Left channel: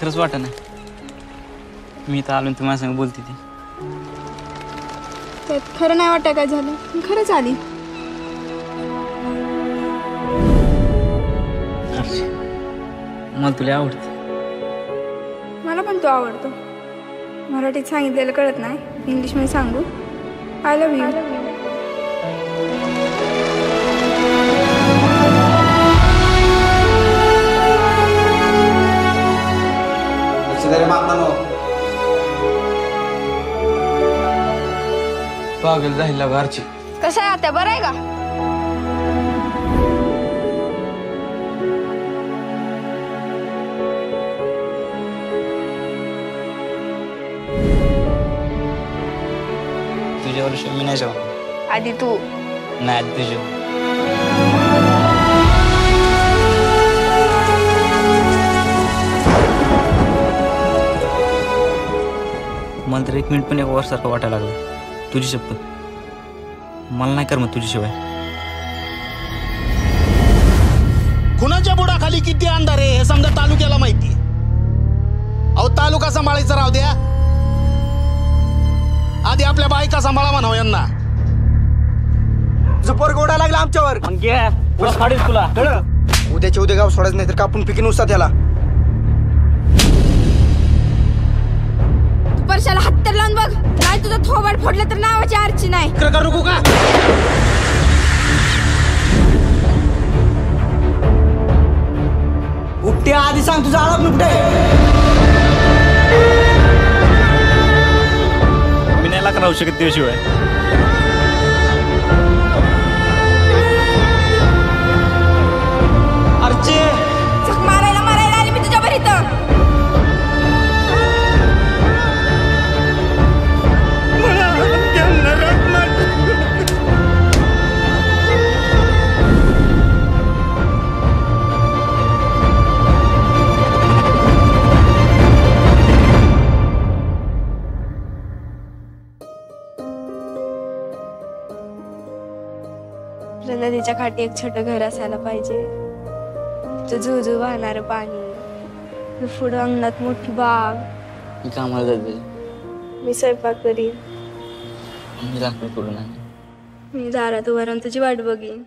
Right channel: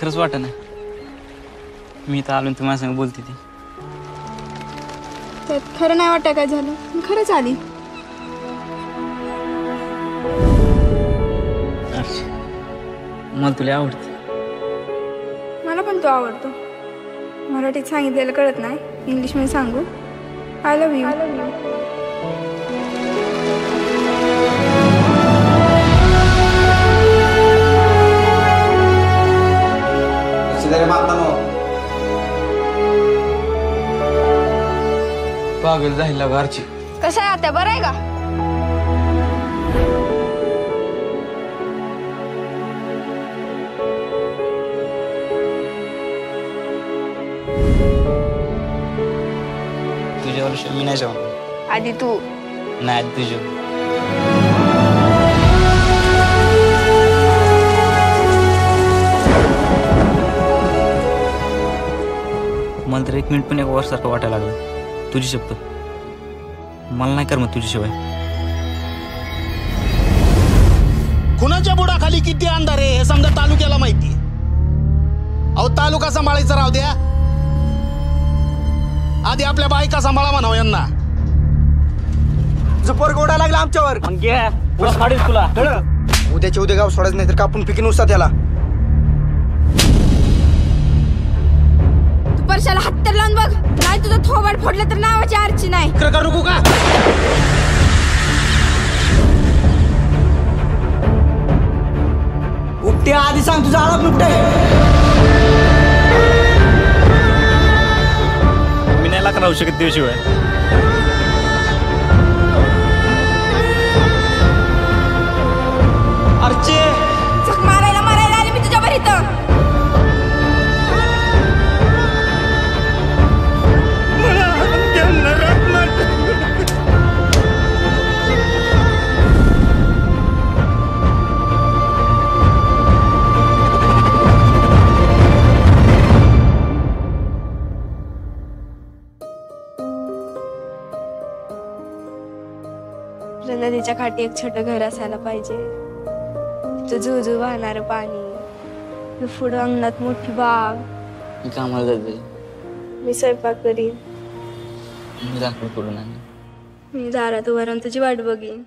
खरंच वाटत नाही मी तर आलो तुम्हाला सांग बोलते ती त्यात खरं नाही वाटत काय झालं मी खरंच आली. मला तुला आवडते. मला पण तो आवडतो. मराठीत सांगितलेलं कळत नाही इंग्लिशमध्ये सांगू आय लव्ह यू. पागल जायला घरची. कसं आहे आता बरं आहे का? तुझ्यावर मी नाही जाऊ. आधी तू. नाही आधी तुझ्या. मला तर 1 मिनिट पण 1 वर्षासारखं वाटायला लागलं. तुझी शपथ मला नाही करमत तुझ्याशिवाय. कुणाच्या बुडाखाली किती अंधार आहे हे समजा तालुक्याला माहिती. अहो तालुका सांभाळायचा राहू द्या आधी आपल्या बायका सांभाळा म्हणावं यांना. जुपर गोडा लागला आमच्यावर. तुला उद्याच्या उद्या गाव सोडायचं नाही तर कापून पिकीन उसा त्याला. तू परशाला हात तर लावून बघ नाही तुझं थोबाड फोडलं तर नावाची आरची नाही. का नको का उपटे आधी सांग तुझा आळप नुकटे. मी नाही लाख राहू शकत त्याशिवाय. अर्चे झक मारायला आली मी तुझ्यावर इथं. नदीच्या काठी एक छोटं घर असायला पाहिजे. झुझू वाहणारं पाणी. पुढं अंगणात मोठी बाग. मी कामाला जाते. मी स्वयंपाक करीन. मी लाकूड तोडून आणेन. मी दारात उभा राहून तुझी वाट बघीन.